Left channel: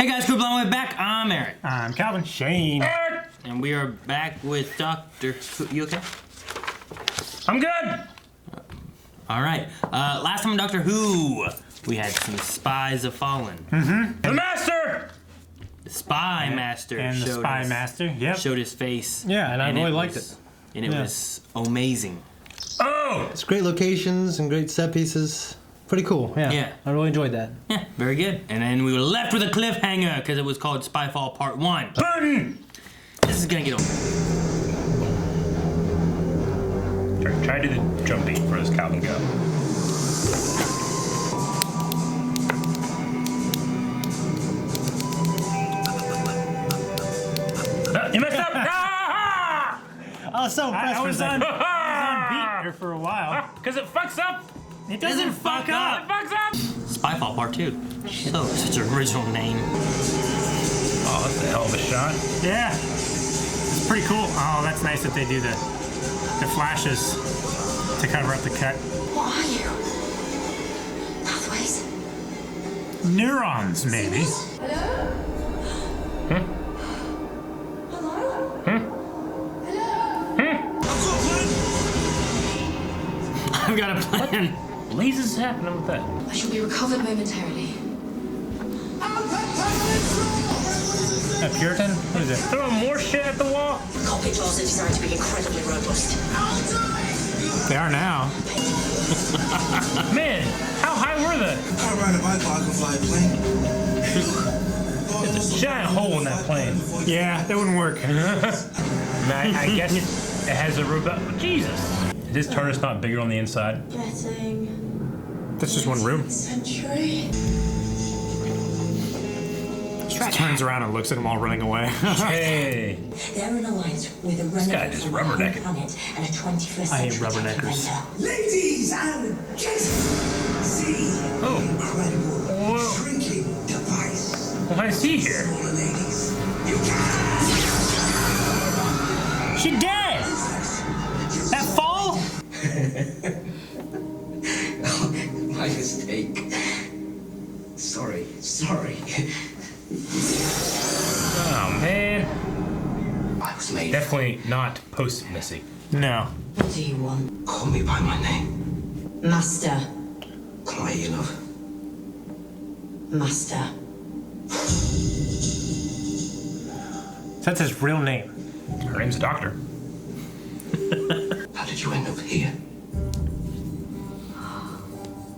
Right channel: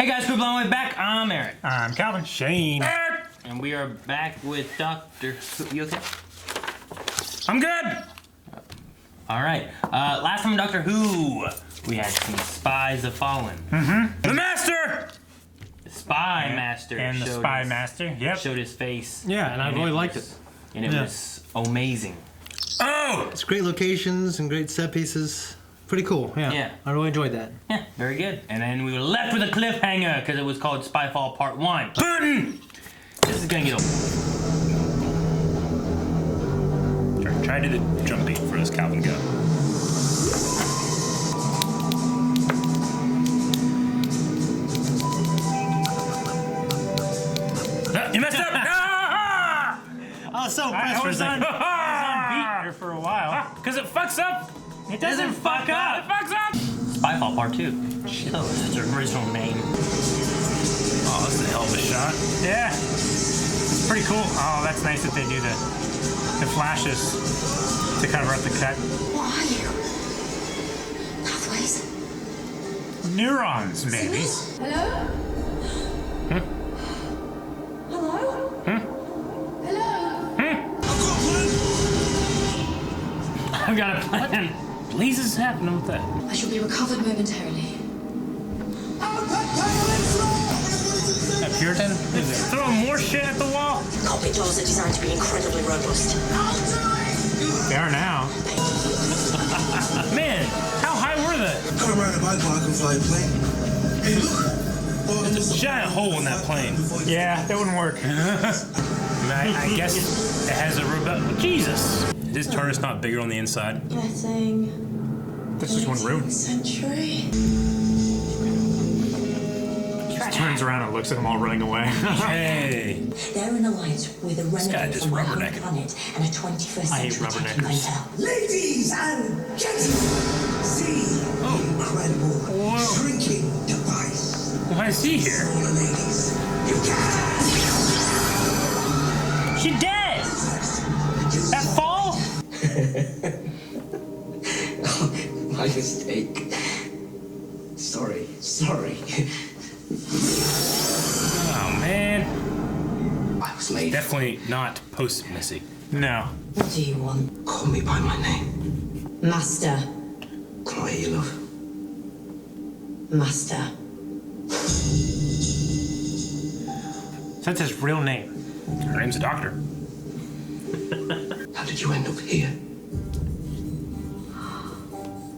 Hey guys, group long way back. I'm Eric. I'm Calvin. Shane. And we are back with Dr. You okay? I'm good. All right. Last time on Doctor Who, we had some spies have fallen. Mm-hmm. The Master! The Spy Master. And the Spy Master, yep. Showed his face. Yeah, and I really liked it. And it was amazing. Oh! It's great locations and great set pieces. Pretty cool, yeah. I really enjoyed that. Yeah, very good. And then we were left with a cliffhanger because it was called Spyfall Part 1. Burton! This is gonna get old. Try to do the jump beat for this Calvin go. You messed up! I was so impressed for a second. I was on beat here for a while. Because it fucks up! It doesn't fuck up! It fucks up! Spyfall Part 2. Oh, such an original name. Oh, that's a hell of a shot. Yeah. It's pretty cool. Oh, that's nice that they do the flashes to cover up the cut. What are you? Pathways? Neurons, maybe. Hello? Huh? Hello? Huh? Hello? Huh? I've got a plan. Lasers happening with that. I shall be recovered momentarily. That Puritan? What is it? Throwing more shit at the wall? Cockpit doors are designed to be incredibly robust. They are now. Man, how high were they? Can't ride a bike, but I can fly a plane. Hey, look! There's a giant hole in that plane. Yeah, that wouldn't work. I guess it has a robot. Jesus! Is this TARDIS not bigger on the inside? Getting... That's just one room. Century. Turns around and looks at them all running away. Hey! They're in alliance with a guy just rubbernecking. planet and a 21st I hate century rubberneckers. Ladies and gentlemen, see the incredible shrinking device. Why is he here? Smaller ladies, you can! She dead! That fall? My mistake. Sorry. Oh, man. I was made. Definitely not post-Missy. No. What do you want? Call me by my name. Master. Can I hear you, love? Master. So that's his real name. Her name's a doctor. How did you end up here?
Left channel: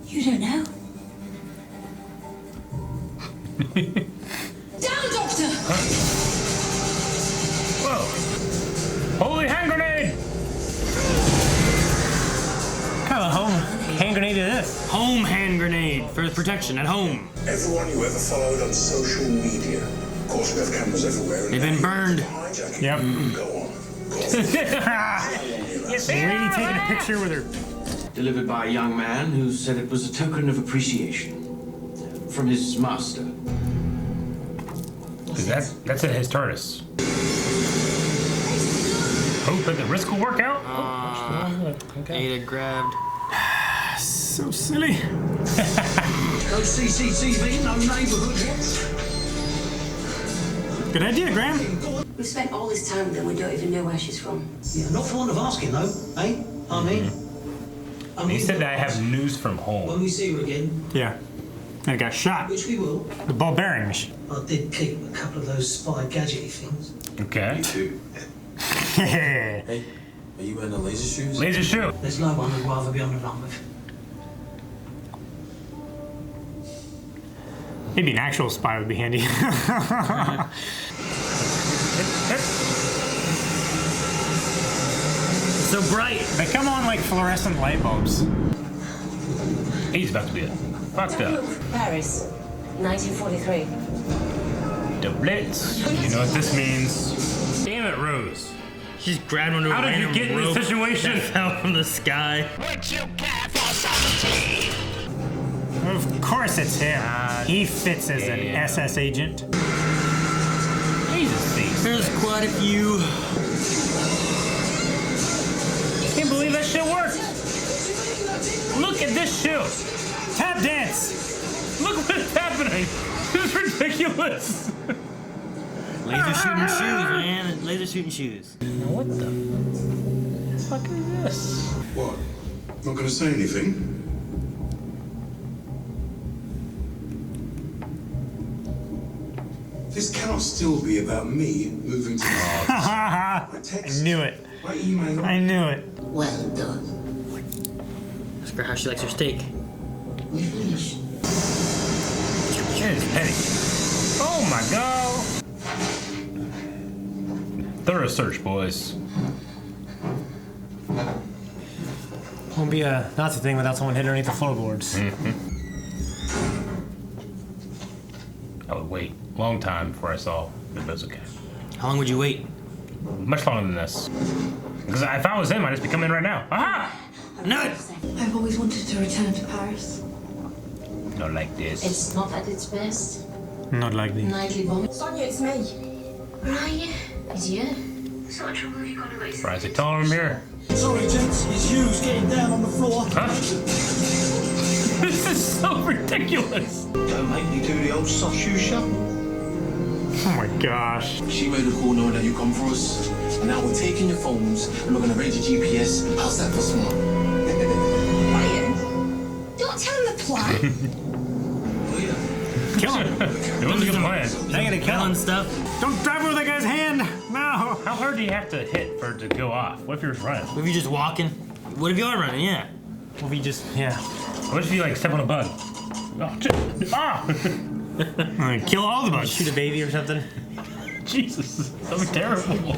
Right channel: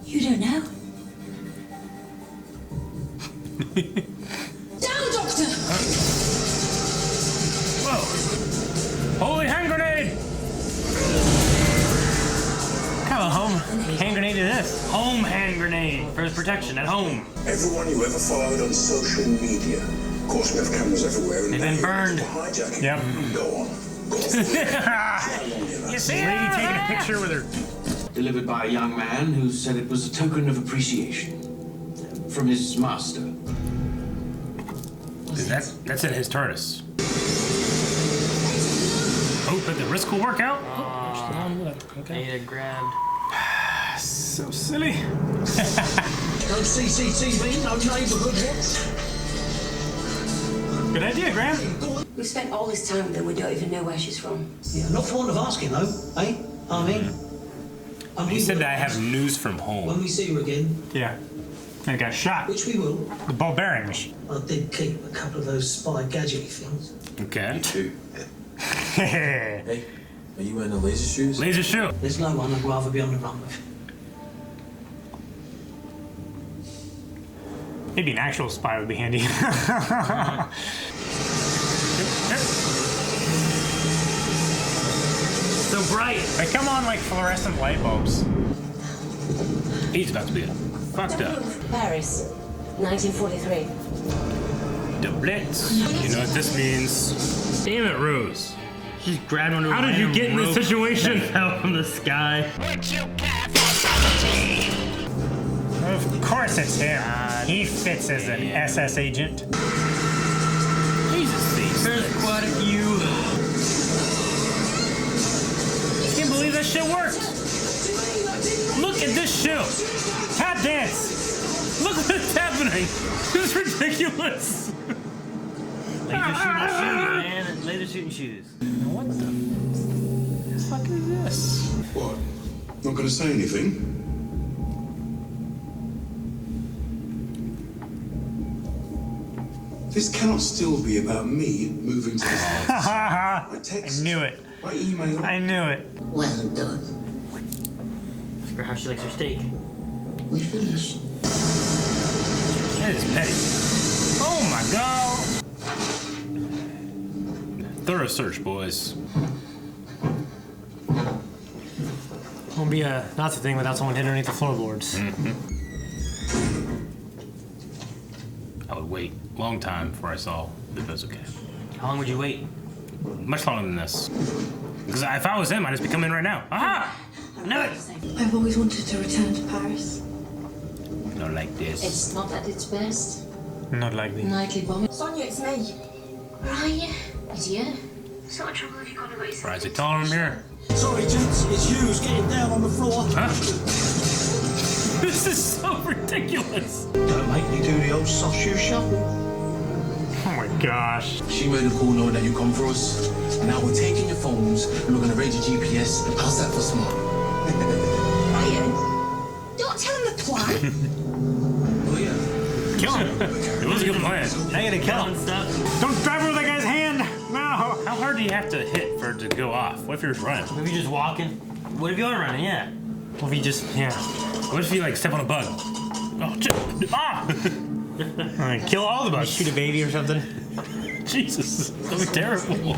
You don't know? Down, Doctor! Whoa! Holy hand grenade! What kind of home hand grenade is this? Home hand grenade for protection at home. Everyone you ever followed on social media. Of course, we have cameras everywhere. They've been burned. Yep. Go on. You see? Lady taking a picture with her. Delivered by a young man who said it was a token of appreciation from his master. That's in his TARDIS. Hope that the risk will work out. Ada grabbed. So silly. No CCTV, no neighborhood watch. Good idea, Graham. We've spent all this time with her, we don't even know where she's from. Yeah, not for want of asking, though, eh? I mean... He said that I have news from home. When we see her again... Yeah. They got shot. Which we will. The ball bearings. I did keep a couple of those spy gadgety things. Okay. Me too. Hey, are you wearing the laser shoes? Laser shoe. There's no one I'd rather be on the run with. Maybe an actual spy would be handy. So bright. They come on like fluorescent light bulbs. He's about to be fucked up. Paris, 1943. The Blitz. You know what this means? Damn it, Rose. She's grabbed one of How did you get in this situation? Fell from the sky. Would you care for subtlety? Of course it's him. He fits as an SS agent. There's quite a few. I can't believe that shit worked. Look at this shoe. Tap dance. Look what's happening. This is ridiculous. shooting shoes, man. Laser shooting shoes. What the fuck is this? What? Not gonna say anything? This cannot still be about me moving to the States. I knew it. By email. I knew it. Well done. Ask her how she likes her steak. We finished. Shit is petty. Oh my god! Thorough search, boys. Won't be a Nazi thing without someone hitting underneath the floorboards. I would wait a long time before I saw the bazooka. How long would you wait? Much longer than this. Because if I was him, I'd just be coming in right now. Aha! No! I've always wanted to return to Paris. Not like this. It's not at its best. Not like me. Nightly bomb. Sonia, it's me. Ryan, is you? So much trouble have you gone away? Rise it taller in here. Sorry, gents, it's Hughes getting down on the floor. Huh? This is so ridiculous. Don't make me do the old soft shoe shuffle. Oh my gosh. She made a call knowing that you come for us. And now we're taking your phones and we're gonna raid your GPS. How's that for smart? Ryan, don't tell him the plan. Oh yeah. Kill him. It was a good plan. I gotta kill Killing him. stuff. Don't grab with that guy's hand. No. How hard do you have to hit for it to go off? What if you're just running? Maybe you're just walking. What if you are running? Yeah. Well, if he just, yeah. What if you like step on a bug? Oh, ah! Alright, kill all the bugs. Shoot a baby or something. Jesus, that would be terrible.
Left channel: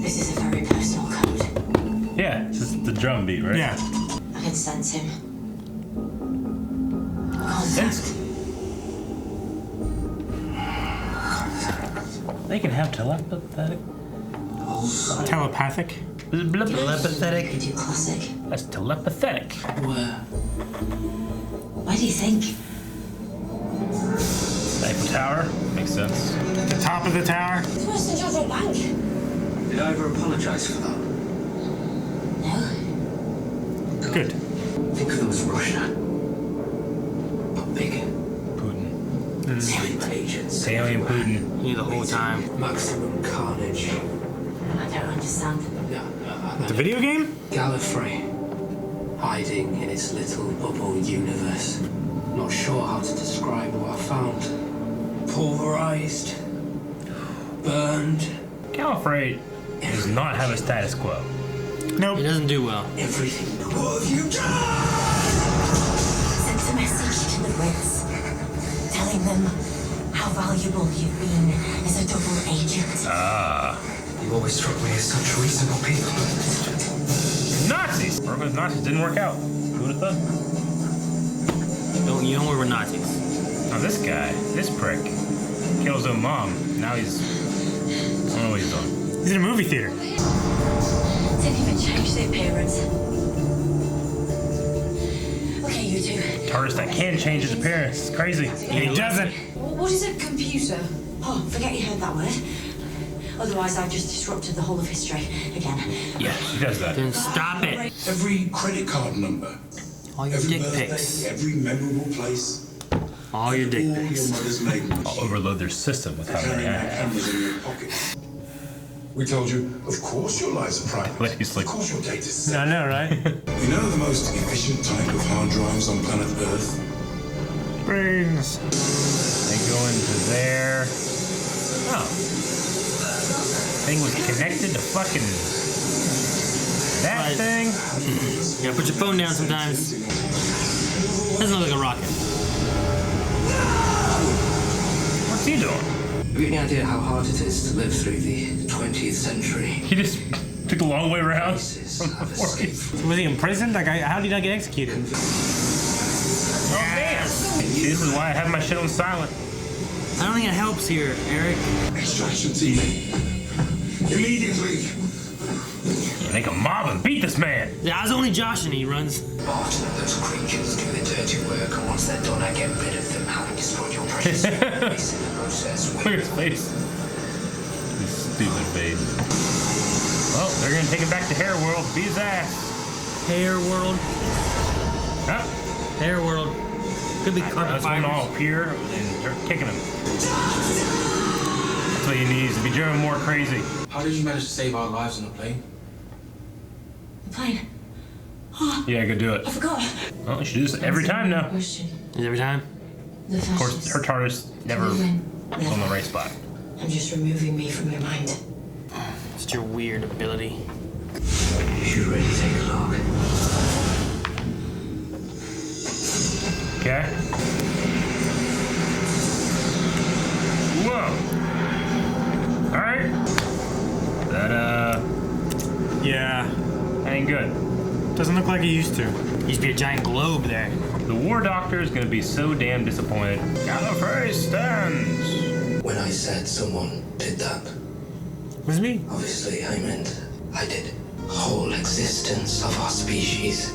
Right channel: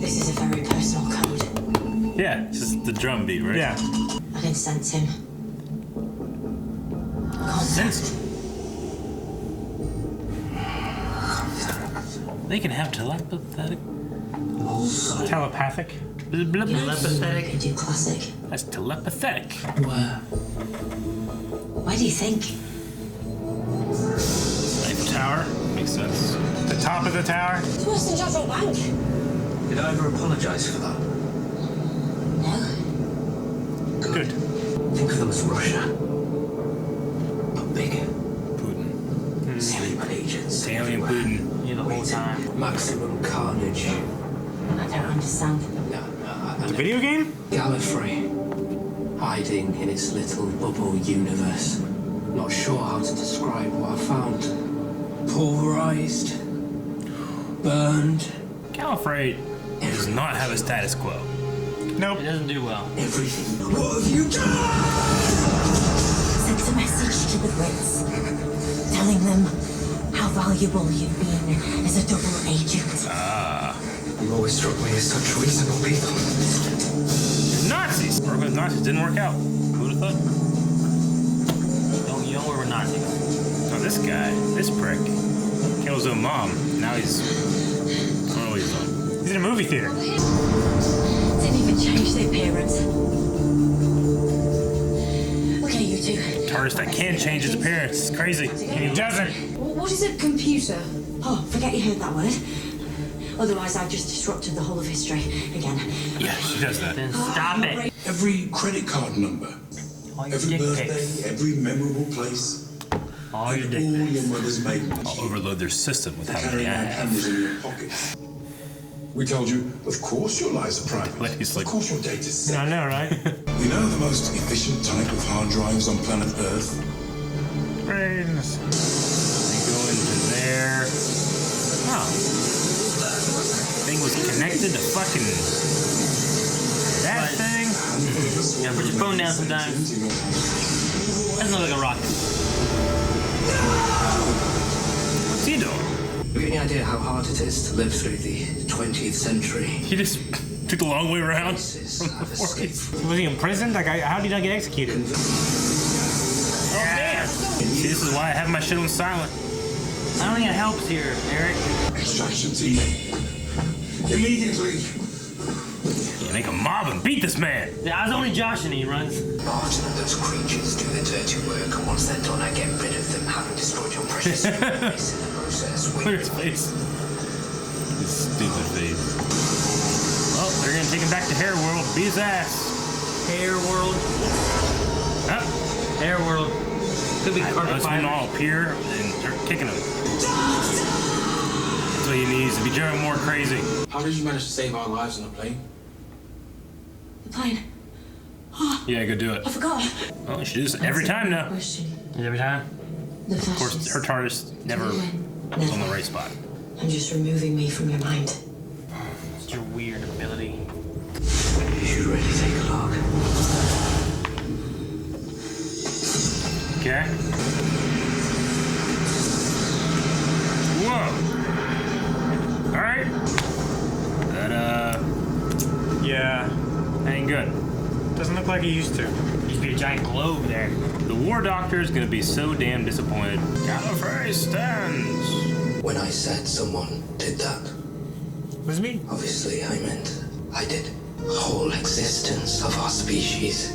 This is a very personal code. Yeah, it's just the drum beat, right? Yeah. I can sense him. Contact. They can have telepathic. Telepathic. Telepathic. Could you classic? That's telepathetic. Why do you think? Eiffel Tower makes sense. The top of the tower. It's worse than Judgment Bank. Did I ever apologise for that? No. Good. Think of them as Russia. But bigger. Putin. Alien agents. Alien Putin. You the whole time. Maximum carnage. I don't understand. No, The video game? Gallifrey. Hiding in its little bubble universe. Not sure how to describe what I found. Pulverized. Burned. Gallifrey does not have a status quo. Nope. It doesn't do well. Everything. What have you done? Sent a message to the Brits, telling them how valuable you've been as a double agent. You always struck me as such reasonable people. Nazis! Working with Nazis didn't work out. Who would have thought? You know we were Nazis. Oh, this guy, this prick, kills his own mom. Now he's. I don't know what he's on. He's in a movie theater. Didn't even change the appearance. Okay, you two. TARDIS that can change his appearance. It's crazy. And he doesn't. What is a computer? Oh, forget you heard that word. Otherwise, I've just disrupted the whole of history again. Yeah, she does that. Then stop it. Every credit card number. All your Every dick birthday. pics. Every memorable place. All your dick All pics. your mother's maiden. I'll overload their system with how many Carrying I their have. cameras in your pockets. We told you, of course your lives are private. Like he's like- Of course your data's safe. I know, right? You know the most efficient type of hard drives on planet Earth? Brains. They go into there. Huh. Thing was connected to fucking that thing. You gotta put your phone down sometimes. Doesn't look like a rocket. What's he doing? Have you any idea how hard it is to live through the 20th century? He just took the long way around. Races have escaped from Was he imprisoned? Like, how did he not get executed? Oh man! See, this is why I have my shit on silent. I don't think it helps here, Eric. Extraction team. Immediately. You make a mob and beat this man. Yeah, I was only Josh and he runs. Barton and those creatures do the dirty work, and once they're done, I get rid of them, having destroyed your precious human race in the process. Look at his face. His stupid face. Well, they're gonna take him back to Hair World to beat his ass. Hair World. Huh? Hair World. Could be That's carpet when fire. all appear and start kicking him. what he needs to be driven more crazy. How did you manage to save our lives on a plane? The plane. Yeah, go do it. I forgot. Well, she does it every time now. Every time? Of course, her TARDIS never on the right spot. I'm just removing me from your mind. Such a weird ability. You should really take a look. Okay. Whoa. Alright. That, Yeah. ain't good. Doesn't look like he used to. Used to be a giant globe there. The War Doctor is gonna be so damn disappointed. Gallifrey stands! When I said someone did that, Was me? obviously I meant I did. Whole existence of our species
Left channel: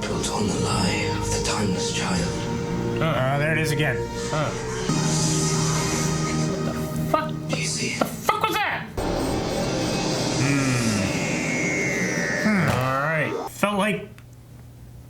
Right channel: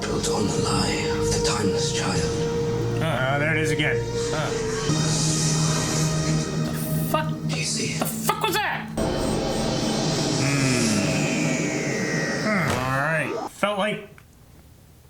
built on the lie of the timeless child. There it is again. Fuck? Do you see it? The fuck was that? Alright. Felt like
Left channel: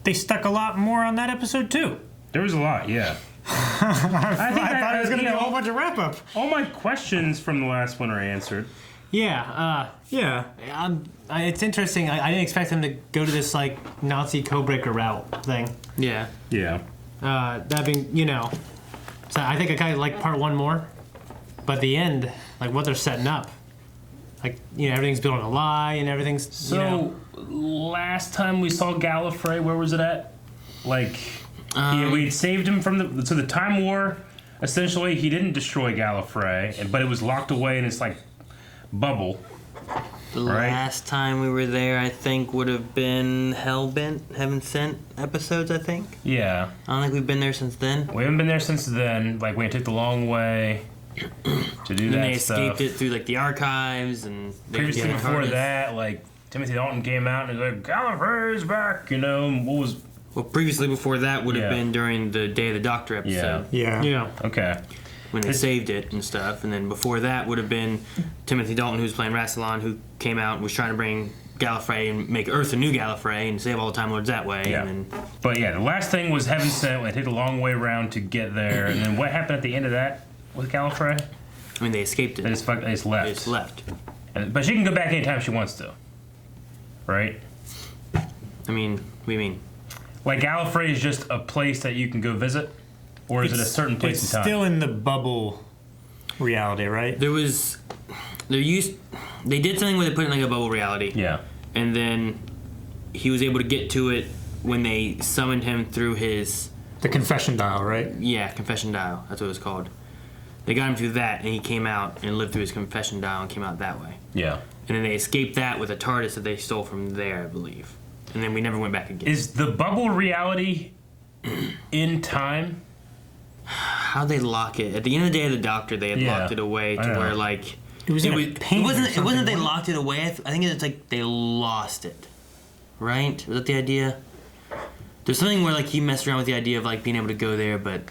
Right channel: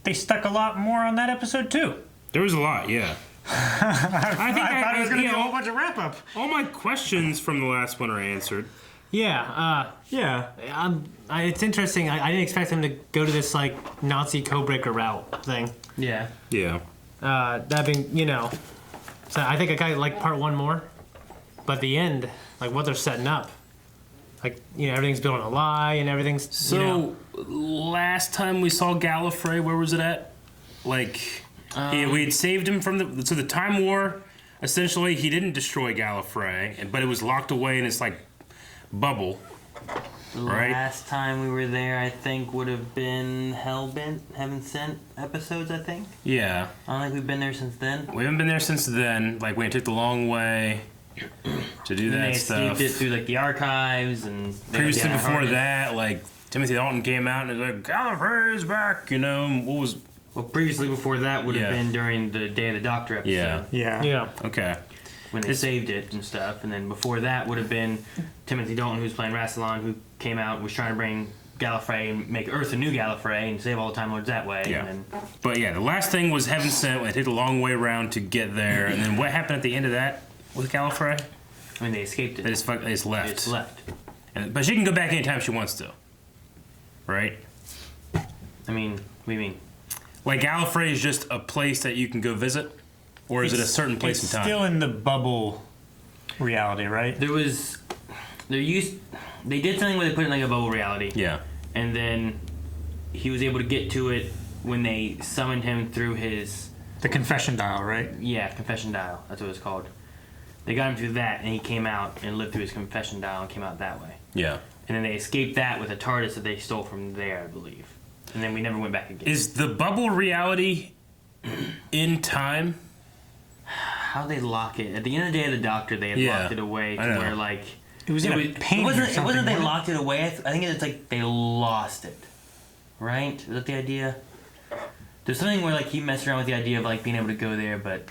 they stuck a lot more on that episode too. There was a lot, yeah. I thought it was gonna be a whole bunch of wrap up. All my questions from the last one are answered. Yeah. It's interesting. I didn't expect him to go to this like Nazi codebreaker route thing. Yeah. Yeah. That being, so I think I kind of like part one more, but the end, like what they're setting up, like everything's built on a lie and everything's So, last time we saw Gallifrey, where was it at? Like, we had saved him from the Time War. Essentially, he didn't destroy Gallifrey, but it was locked away in this like bubble. Right? Last time we were there, I think, would have been Heaven Sent episodes, I think. Yeah. I don't think we've been there since then. We haven't been there since then. Like, when it took the long way to do that they stuff. escaped it through, like, the archives, and... Previously before that, like, Timothy Dalton came out and was like, Gallifrey's back, what was... Well, previously before that would have been during the Day of the Doctor episode. Yeah. Okay. When they saved it and stuff, and then before that would have been Timothy Dalton, who was playing Rassilon, who came out and was trying to bring Gallifrey and make Earth a new Gallifrey and save all the Time Lords that way. Yeah. And then, But yeah, the last thing was Heaven Sent, when it took a long way around to get there, and then what happened at the end of that with Gallifrey? I mean, they escaped it. They just left. It's left. But she can go back anytime she wants to. Right? I mean, what do you mean? Like, Gallifrey is just a place that you can go visit? Or is it a certain place in time? It's still in the bubble reality, right? They did something where they put it in like a bubble reality. Yeah. And then he was able to get to it when they summoned him through the confession dial, right? Yeah, confession dial. That's what it was called. They got him through that, and he came out and lived through his confession dial and came out that way. Yeah. And then they escaped that with a TARDIS that they stole from there, I believe. And then we never went back again. Is the bubble reality in time? How they lock it? At the end of the Day of the Doctor, they had locked it away to where, like... It was in a paint or something. It wasn't they locked it away. I think it's like they lost it. Right? Is that the idea? There's something where, like, he messed around with the idea of, like, being able to go there, but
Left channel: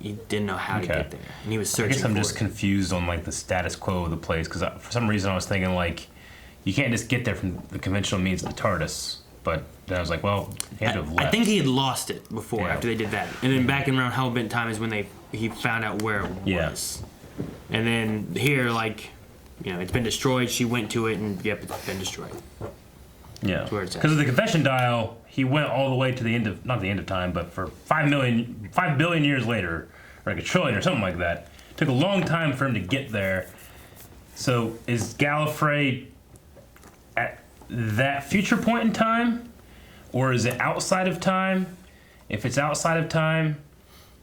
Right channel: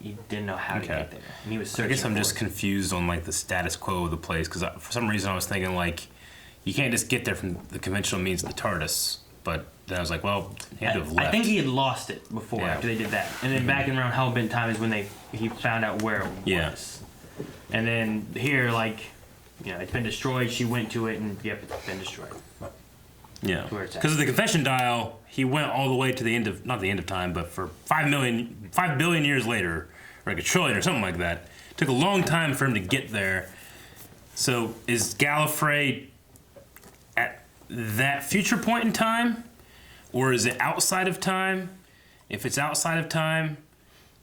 he didn't know how to get there. And he was searching. I guess I'm just confused on, like, the status quo of the place, because for some reason I was thinking, like, you can't just get there from the conventional means of the TARDIS. But then I was like, well, he had to have left. I think he had lost it before, after they did that. And then back in around Hellbent time is when he found out where it was. And then here, like, it's been destroyed. She went to it, and it's been destroyed. Yeah. That's where it's at. Because of the confession dial, he went all the way to the end of, not the end of time, but for 5 billion years later, or like a trillion or something like that. It took a long time for him to get there. So is Gallifrey at that future point in time, or is it outside of time? If it's outside of time,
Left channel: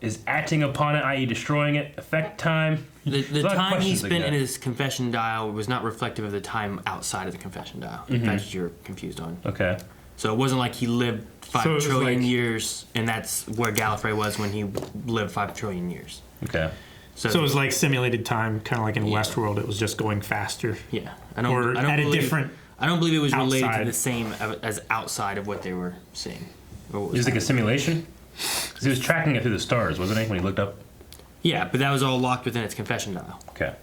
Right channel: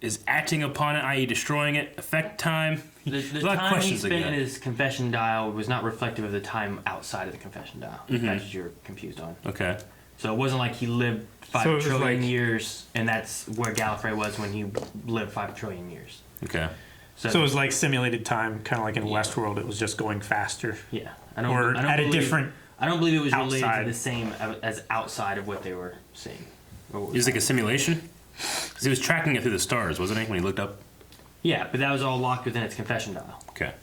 is acting upon it, i.e. destroying it, affect time? The time he spent in his confession dial was not reflective of the time outside of the confession dial. If that's what you're confused on. Okay. So it wasn't like he lived 5 trillion years, and that's where Gallifrey was when he lived 5 trillion years. Okay. So it was like simulated time, kind of like in Westworld. It was just going faster. Yeah. I don't believe it was related outside. to the same as outside of what they were seeing. It was like a simulation? Because he was tracking it through the stars, wasn't he, when he looked up? Yeah, but that was all locked within its confession dial. Okay.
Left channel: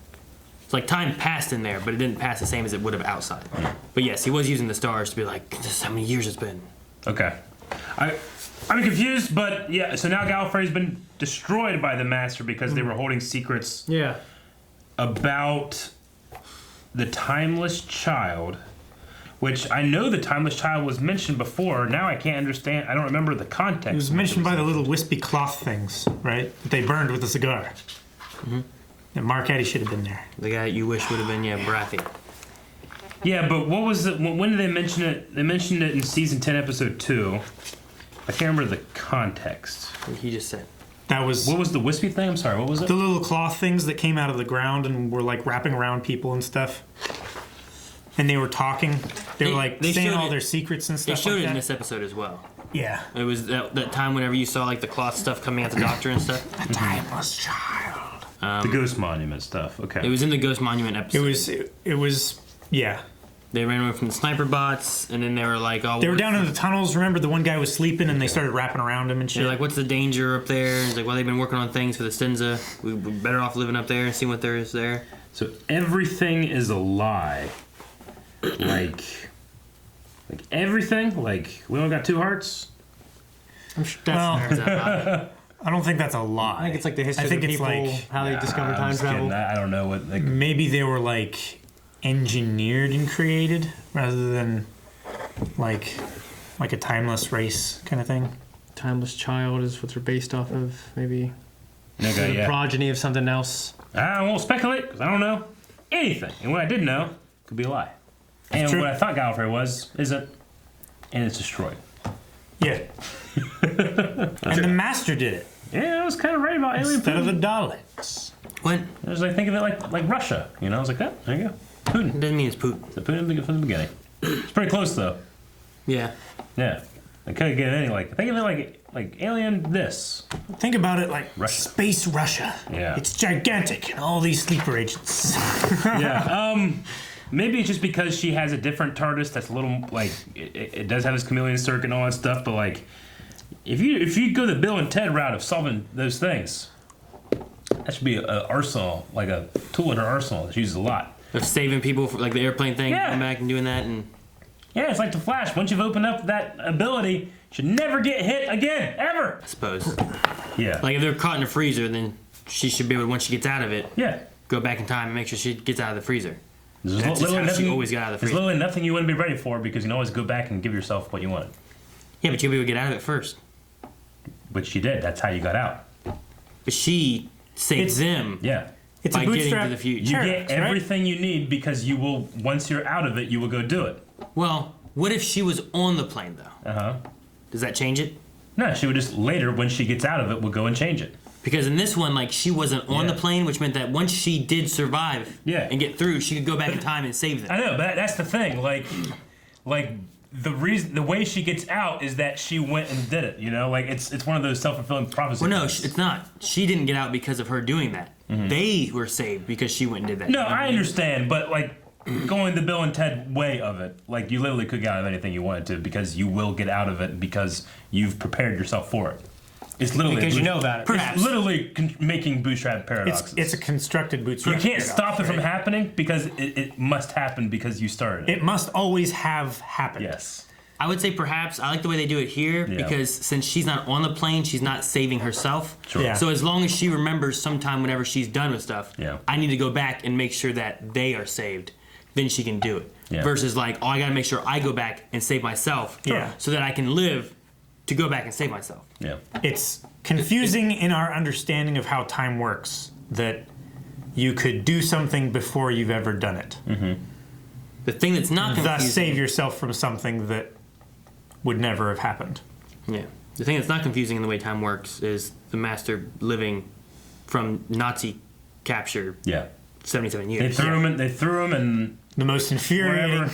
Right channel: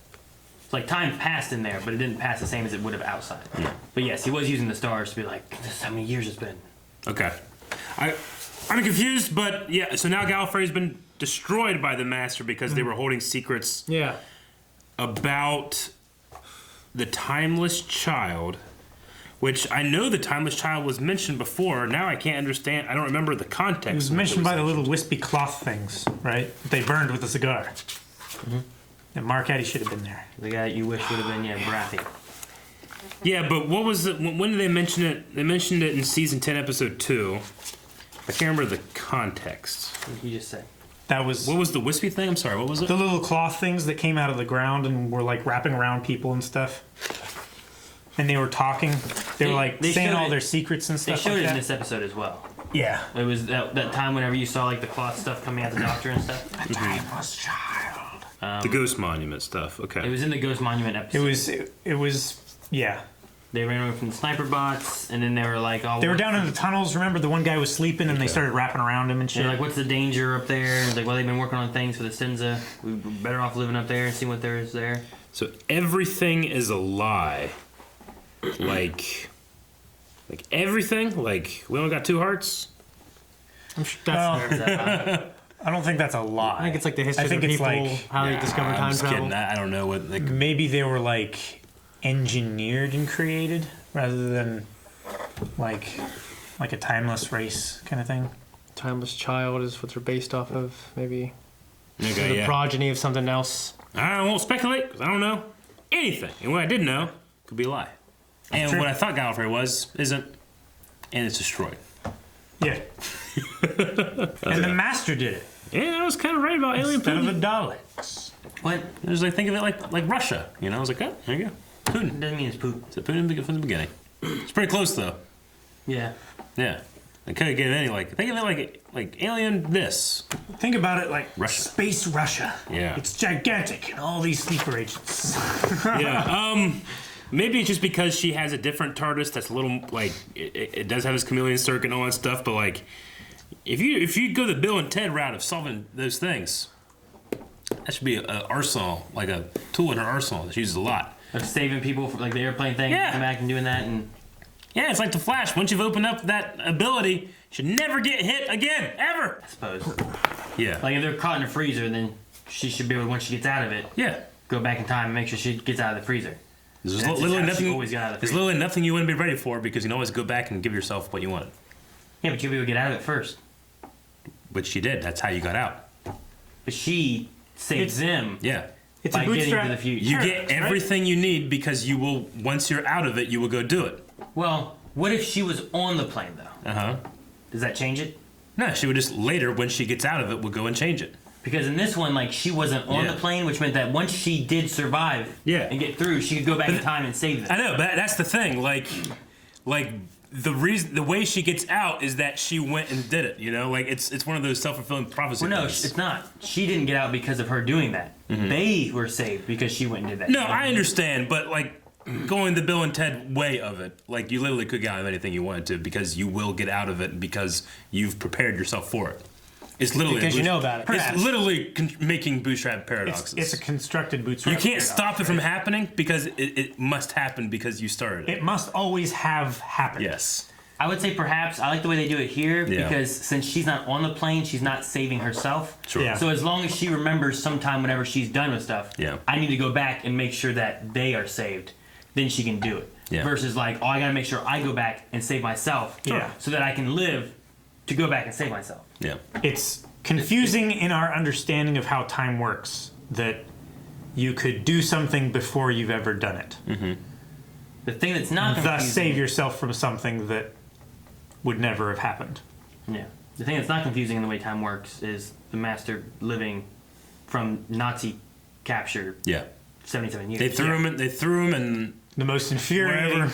It's like time passed in there, but it didn't pass the same as it would have outside. But yes, he was using the stars to be like, this is how many years it's been. Okay. I'm confused, but yeah, so now Gallifrey's been destroyed by the Master because they were holding secrets about the Timeless Child, which I know the Timeless Child was mentioned before. Now I can't understand. I don't remember the context. It was mentioned by the little wispy cloth things, right? That they burned with a cigar. Mm-hmm. And Mark Addy should have been there. The guy you wish would have been, Brathy. Yeah, but what was it? When did they mention it? They mentioned it in season 10, episode 2. I can't remember the context. What did he just say? That was... What was the wispy thing? I'm sorry, what was it? The little cloth things that came out of the ground and were like wrapping around people and stuff. And they were talking. They were like saying all their secrets and stuff. They showed like it that. in this episode as well. Yeah. It was that time whenever you saw like the cloth stuff coming out the doctor and stuff. The Timeless Child. The Ghost Monument stuff. Okay. It was in the Ghost Monument episode. It was yeah. They ran away from the sniper bots, and then they were like, "Oh." They were down in the tunnels. Remember, the one guy was sleeping, and they started wrapping around him and shit. And like, what's the danger up there? And it's like, well, they've been working on things for the Stinza. We're better off living up there and seeing what there is there. So everything is a lie. Like everything. Like we only got 2 hearts. I'm sure that's I don't think that's a lie. I think it's like the history of the people, how they discovered time travel. I don't know what. Like, maybe they were like engineered and created rather than like a timeless race kind of thing. Timeless Child is what they're based off of, maybe. Okay, the progeny of something else. I won't speculate because I don't know anything. And what I did know could be a lie. And true. what I thought Gallifrey was isn't, and it's destroyed. Yeah. And the Master did it. Yeah, I was kind of right about alien instead of the Putin. Daleks. What? I was like, think of it like Russia. You know, I was like, oh, there you go. Putin. Doesn't mean it's Putin. It's Putin from the beginning. It's pretty close though. Yeah. Yeah. I couldn't get any think of it like alien this. Think about it like Russia. Space Russia. Yeah. It's gigantic and all these sleeper agents. Yeah. Maybe it's just because she has a different TARDIS that's a little like it does have its chameleon circuit and all that stuff, but like if you go the Bill and Ted route of solving those things, that should be an arsenal, like a tool in her arsenal that she uses a lot. Of saving people, like the airplane thing, going back and doing that, and yeah, it's like the Flash. Once you've opened up that ability, you should never get hit again, ever. I suppose. Yeah. Like if they're caught in a freezer, then she should be able to, once she gets out of it, go back in time and make sure she gets out of the freezer. There's literally nothing you wouldn't be ready for because you can always go back and give yourself what you want. Yeah, but you'll be able to get out of it first. But she did. That's how you got out. But she saved them. Yeah. It's a bootstrap. You get everything you need because you will, once you're out of it, you will go do it. Well, what if she was on the plane, though? Uh-huh. Does that change it? No, she would just later, when she gets out of it, will go and change it. Because in this one, like, she wasn't on the plane, which meant that once she did survive and get through, she could go back in time and save them. I know, but that's the thing. Like the way she gets out is that she went and did it. You know, like it's one of those self-fulfilling prophecies. Well, no, it's not. She didn't get out because of her doing that. Mm-hmm. They were saved because she went and did that. No, I understand, but like going the Bill and Ted way of it, like you literally could get out of anything you wanted to because you will get out of it because you've prepared yourself for it. It's literally because you know about it. It's literally making bootstrap paradoxes. It's a constructed bootstrap. You can't stop it from happening because it must happen because you started it. It must always have happened. Yes. I would say perhaps I like the way they do it here because since she's not on the plane, she's not saving herself. Sure. Yeah. So as long as she remembers sometime whenever she's done with stuff, I need to go back and make sure that they are saved. Then she can do it. Yeah. Versus like, oh, I gotta make sure I go back and save myself so that I can live to go back and save myself. Yeah. It's confusing in our understanding of how time works that you could do something before you've ever done it. Mm-hmm. The thing that's not confusing, thus save yourself from something that would never have happened. Yeah. The thing that's not confusing in the way time works is the Master living from Nazi capture 77 years. They threw him in the most infuriating wherever.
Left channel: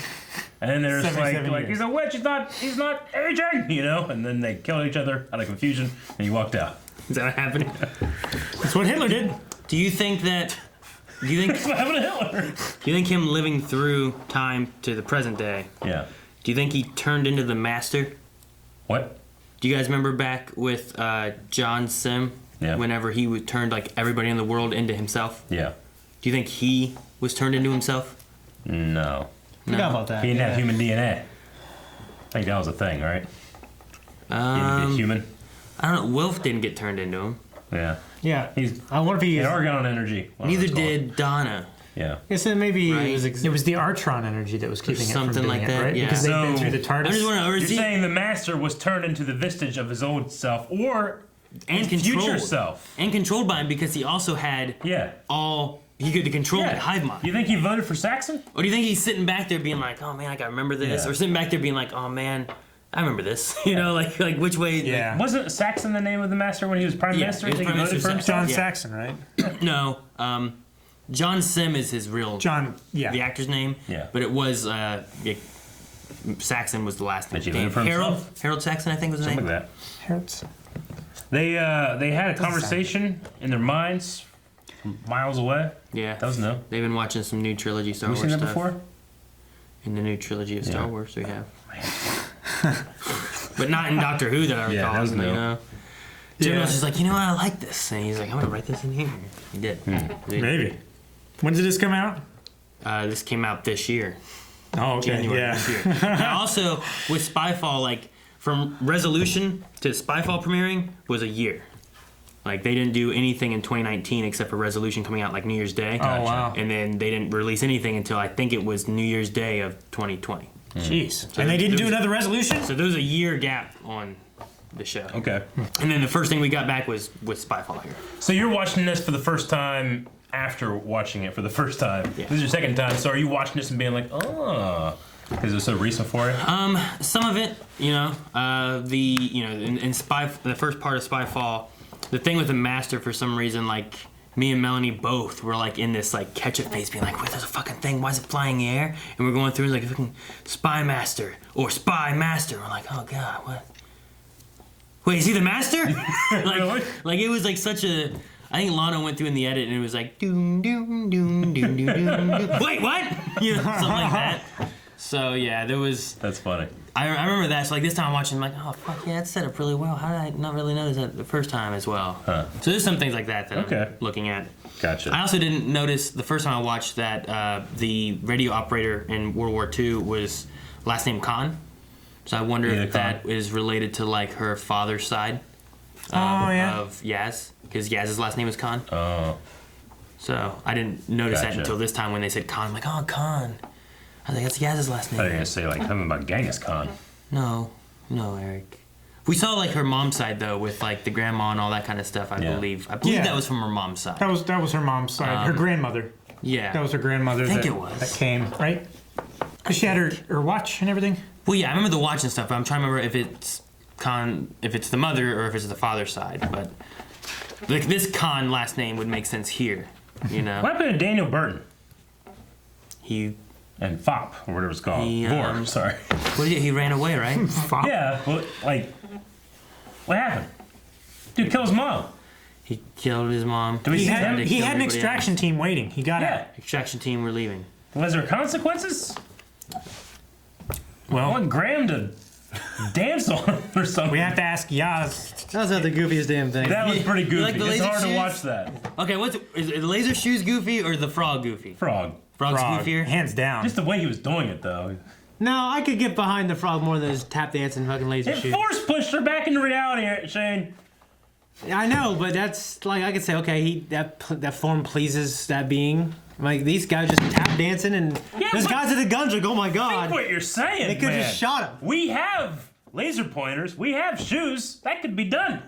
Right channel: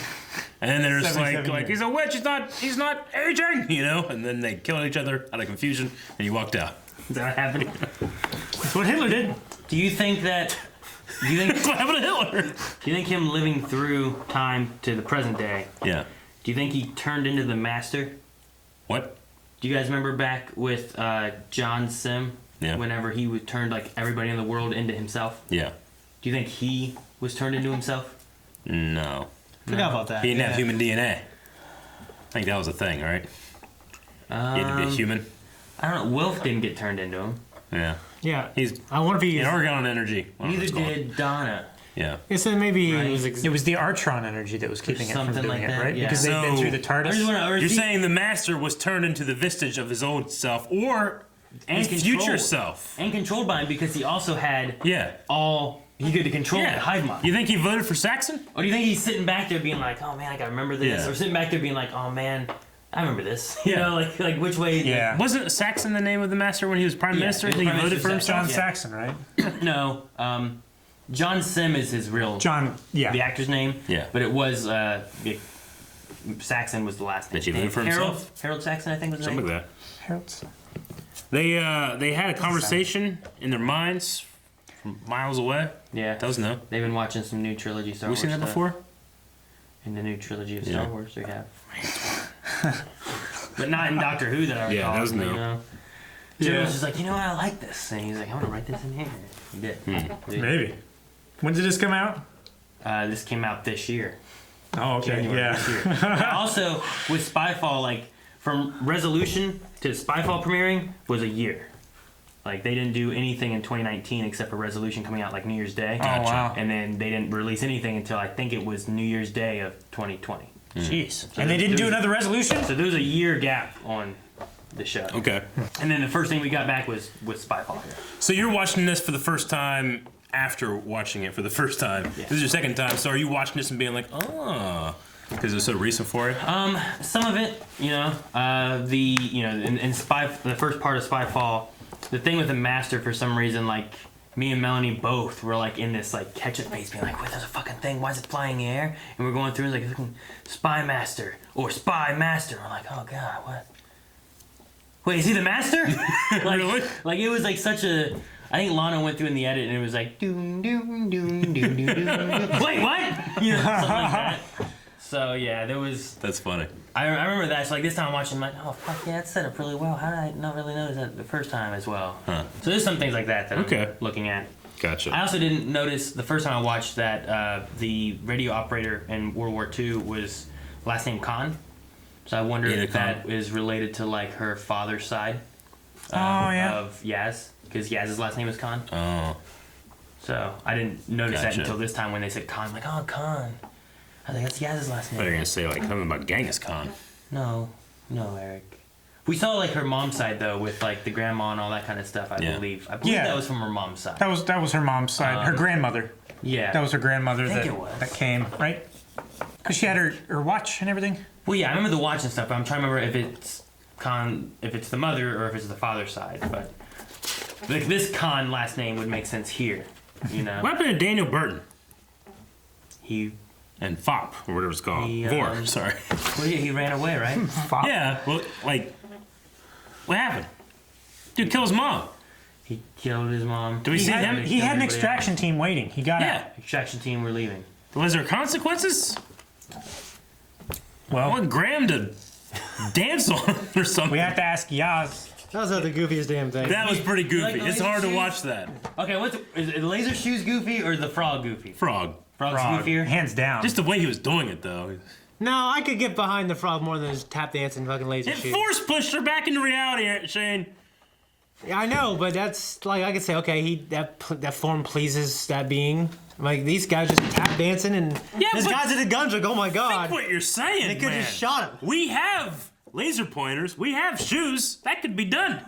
And then they're just like years. he's a witch, he's not aging, you know, and then they killed each other out of confusion and he walked out. Is that what happened? That's what Hitler did. Do you think that's what happened to Hitler? Do you think him living through time to the present day? Yeah. Do you think he turned into the Master? What? Do you guys remember back with John Sim? Yeah. Whenever he turned like everybody in the world into himself? Yeah. Do you think he was turned into himself? No. Forgot about that. He didn't have human DNA. I think that was a thing, right? He had to be a human. I don't know. Wilf didn't get turned into him. Yeah. Yeah. He's. I wonder if he. Argon energy. Neither did Donna. Yeah. Yes, then maybe Right. it was the Artron energy that was keeping it from something doing like it, that, right? yeah. Because they've been So- through the I TARDIS. just want to. You're saying the master was turned into the vestige of his old self, or his future self, and controlled by him because he also had Yeah. he could control the hive mind. You think he voted for Saxon? Or do you think he's sitting back there being like, oh man, I gotta remember this, Yeah. or sitting back there being like, oh man, I remember this. You know, like which way? Yeah. Wasn't Saxon the name of the master when he was prime minister? he You was think he Prime voted for Minister himself? John Yeah. Saxon, right? No, John Sim is his real the actor's name. Yeah. But it was Saxon was the last name. Did he vote for himself? Harold Saxon, I think was his Something name. like that. They had a conversation in their minds from miles away. Yeah. That was new. They've been watching some new trilogy Star Have Wars we seen that stuff. before? In the new trilogy of Star Yeah. Wars, we have. But not in Doctor Who that I recall. Yeah, that was you new. know? Jim was just like, you know what, I like this. And he's like, I'm going to write this in here. He did. Maybe. When did this come out? This came out this year. Oh, okay. January Yeah. this year. Now, also, with Spyfall, like, from Resolution to Spyfall premiering was a year. Like, they didn't do anything in 2019 except for Resolution coming out, like, New Year's Day. Gotcha. wow. And then they didn't release anything until, I think it was New Year's Day of 2020. Jeez. And they didn't do another Resolution? So there was a year gap on the show. Okay. And then the first thing we got back was Spyfall here. So you're watching this for the first time after watching it for the first time. Yeah. This is your second time. So are you watching this and being like, oh, because it's so recent for you? Some of it, you know, in the first part of Spyfall, the thing with the Master, for some reason, like, me and Melanie both were like in this like catch-up phase, being like, wait, there's a fucking thing, why is it flying in the air? And we're going through like fucking Spy Master or Spy Master. We're like, oh god, what? Wait, is he the Master? like it was like such a. I think Lana went through in the edit and it was like doom doom doom doom doom doom. Wait, what? You know, something like that. So yeah, there was. That's funny. I remember that. So like this time I'm watching, I'm like, oh fuck yeah, that set up really well. How did I not really notice that the first time as well? Huh. So there's some things like that that I'm looking at. Gotcha. I also didn't notice the first time I watched that the radio operator in World War II was last name Khan. So I wonder if that is related to like her father's side of Yaz, because Yaz's last name is Khan. Oh. So I didn't notice that until this time when they said Khan. I'm like, oh, Khan. I think that's Yaz's last name. I thought you were going to say like something about Genghis Khan. No, Eric. We saw like her mom's side though, with like the grandma and all that kind of stuff. I believe that was from her mom's side. That was her mom's side. Her grandmother. Yeah. That was her grandmother that came, right? Because she had her watch and everything. Well, yeah, I remember the watch and stuff, but I'm trying to remember if it's Khan, if it's the mother or if it's the father's side. But like this Khan last name would make sense here, you know. What happened to Daniel Burton? And Fop, or whatever it's called. Vor, sorry. Well, he ran away, right? Yeah, well, like, what happened? Dude killed his mom. He killed his mom. Do we see him? He had an extraction team waiting. He got out. Extraction team were leaving. Was there consequences? Well, I want Graham to dance on or something. We have to ask Yaz. That was not the goofiest damn thing. That was pretty goofy. Like the It's laser hard to shoes? watch that. Okay, is it the laser shoes goofy or the frog goofy? Frog. Frog's goofier? Hands down. Just the way he was doing it, though. No, I could get behind the frog more than his tap dancing fucking laser It shoes. force pushed her back into reality, Shane. Yeah, I know, but that's like I could say, okay, that form pleases that being. Like these guys just tap dancing, and these guys at the guns like, oh my god. Think what you're saying, They could man. just shot him. We have laser pointers. We have shoes. That could be done.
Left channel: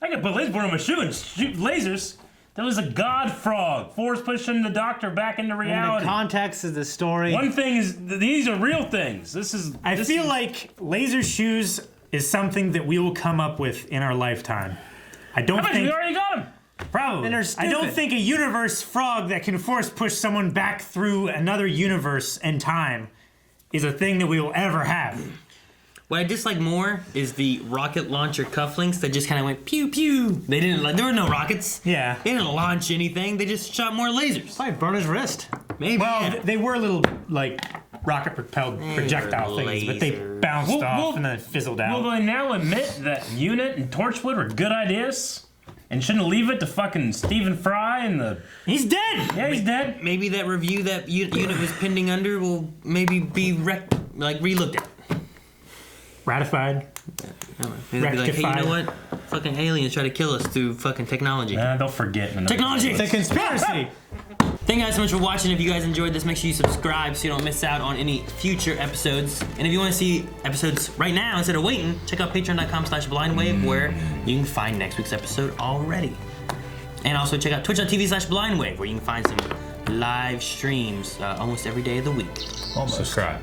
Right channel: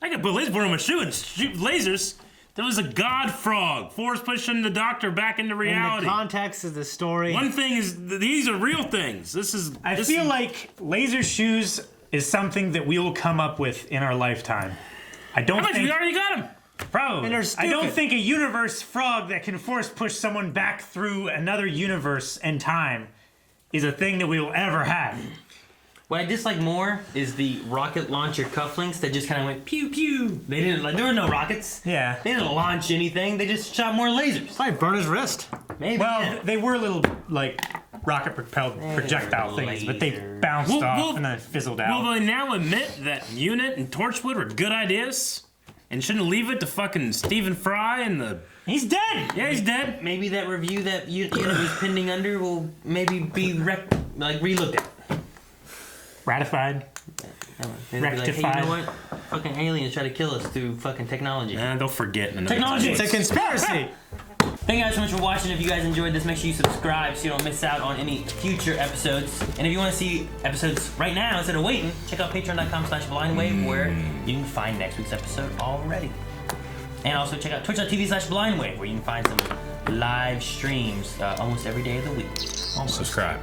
I could put a laser pointer on my shoe and shoot lasers. There was a god frog, force pushing the doctor back into reality. In the context of the story. One thing is, these are real things. I feel like laser shoes is something that we will come up with in our lifetime. I don't How much? think We already got them. probably. And they're I don't stupid. think a universe frog that can force push someone back through another universe and time is a thing that we will ever have. What I dislike more is the rocket launcher cufflinks that just kind of went pew pew. They didn't like there were no rockets. Yeah. They didn't launch anything. They just shot more lasers. Probably burn his wrist. Maybe. Well, they were little like rocket propelled projectile things, but they bounced off and then fizzled out. Will they now admit that Unit and Torchwood were good ideas? And shouldn't leave it to fucking Stephen Fry and the... He's dead! Yeah, he's dead. Maybe that review that Unit is pending under will maybe be relooked at. Ratified. And they'll be like, hey, you know what? fucking aliens try to kill us through fucking technology. Nah, they'll forget. Technology! It's a conspiracy! Thank you guys so much for watching. If you guys enjoyed this, make sure you subscribe so you don't miss out on any future episodes. And if you want to see episodes right now instead of waiting, check out patreon.com/blindwave where you can find next week's episode already. And also check out twitch.tv/blindwave where you can find some live streams almost every day of the week. Subscribe.